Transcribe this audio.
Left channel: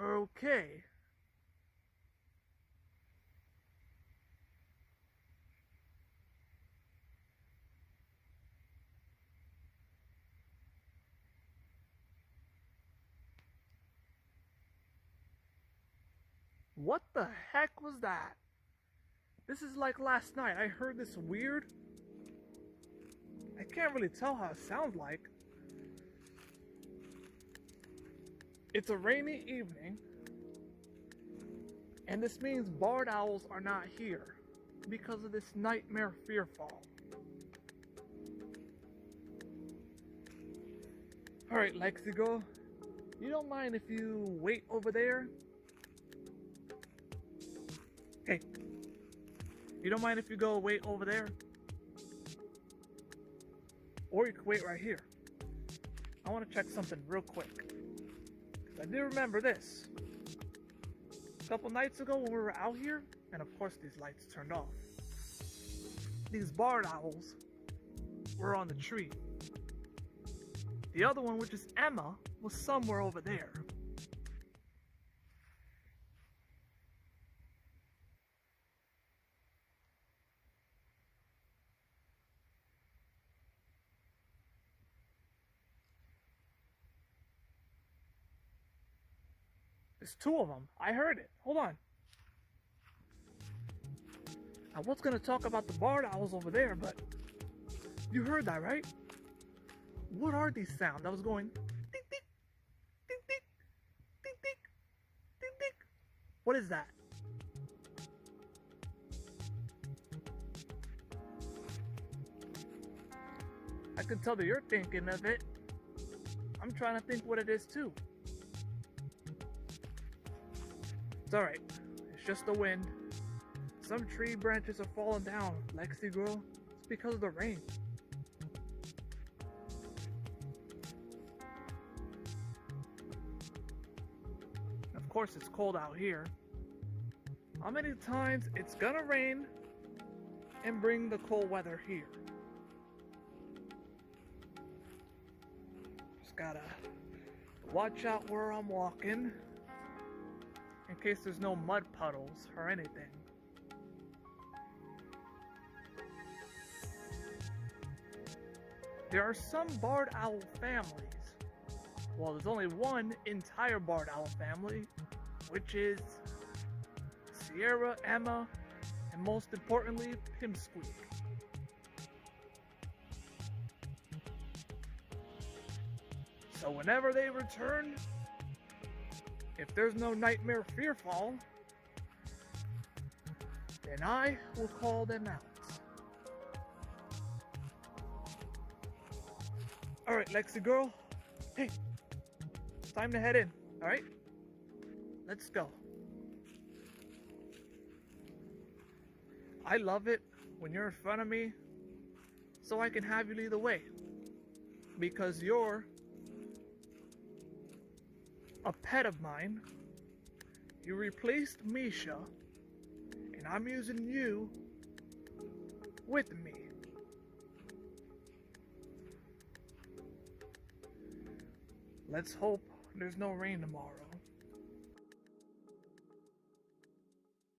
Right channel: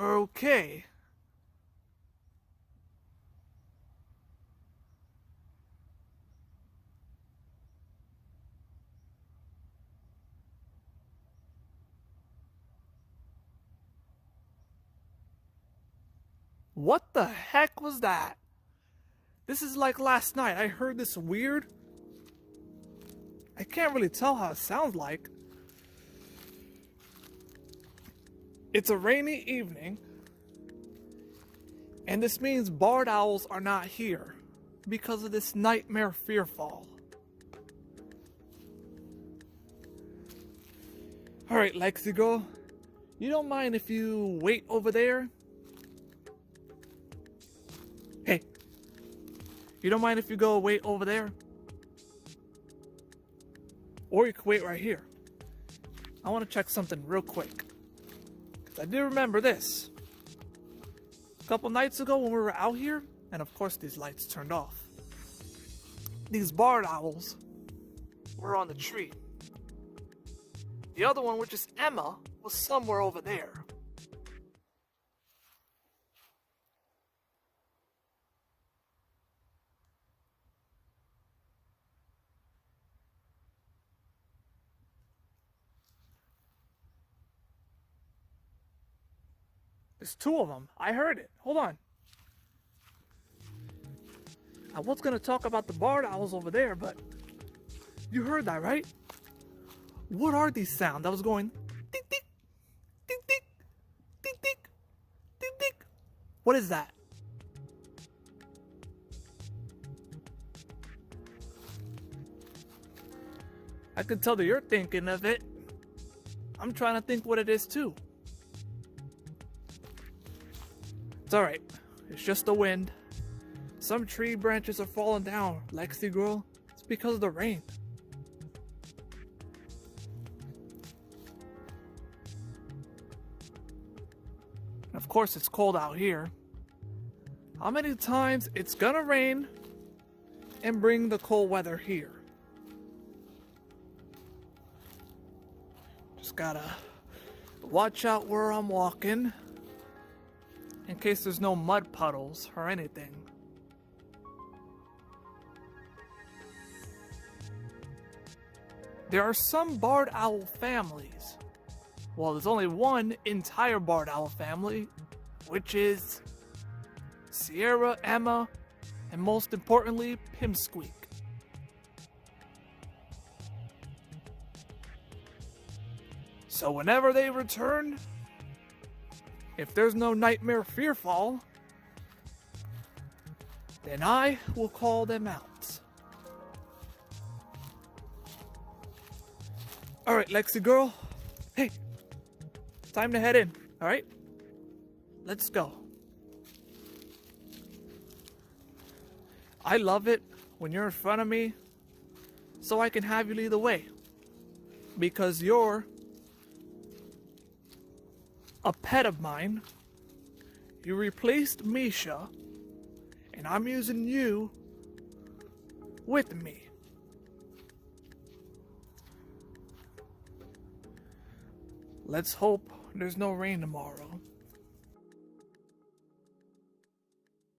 Okay. What the heck was that? This is like last night. I heard this weird. I can't really tell how it sounds like. It's a rainy evening, and this means barred owls are not here because of this nightmare fearfall. Alright, Lexi girl, you don't mind if you wait over there? Hey, you don't mind if you go wait over there? Or you can wait right here. I want to check something real quick. I do remember this. A couple nights ago when we were out here, and of course these lights turned off, these barred owls were on the tree. The other one, which is Emma, was somewhere over there. There's two of them. I heard it. Hold on. I was going to talk about the barred owls over there, but you heard that, right? What are these sounds? I was going tick tick, tick tick, tick tick, tick tick. What is that? I can tell that you're thinking of it. I'm trying to think what it is too. It's alright. It's just the wind. Some tree branches are falling down, Lexi girl. It's because of the rain. Of course, it's cold out here. How many times it's gonna rain and bring the cold weather here? Just gotta watch out where I'm walking in case there's no mud puddles or anything. There are some barred owl families. Well, there's only one entire barred owl family, which is Sierra, Emma, and most importantly, Pimsqueak. So whenever they return, if there's no nightmare fearfall, then I will call them out. Alright, Lexi girl. Hey, time to head in, alright? Let's go. I love it when you're in front of me so I can have you lead the way. Because you're a pet of mine. You replaced Misha, and I'm using you with me. Let's hope there's no rain tomorrow.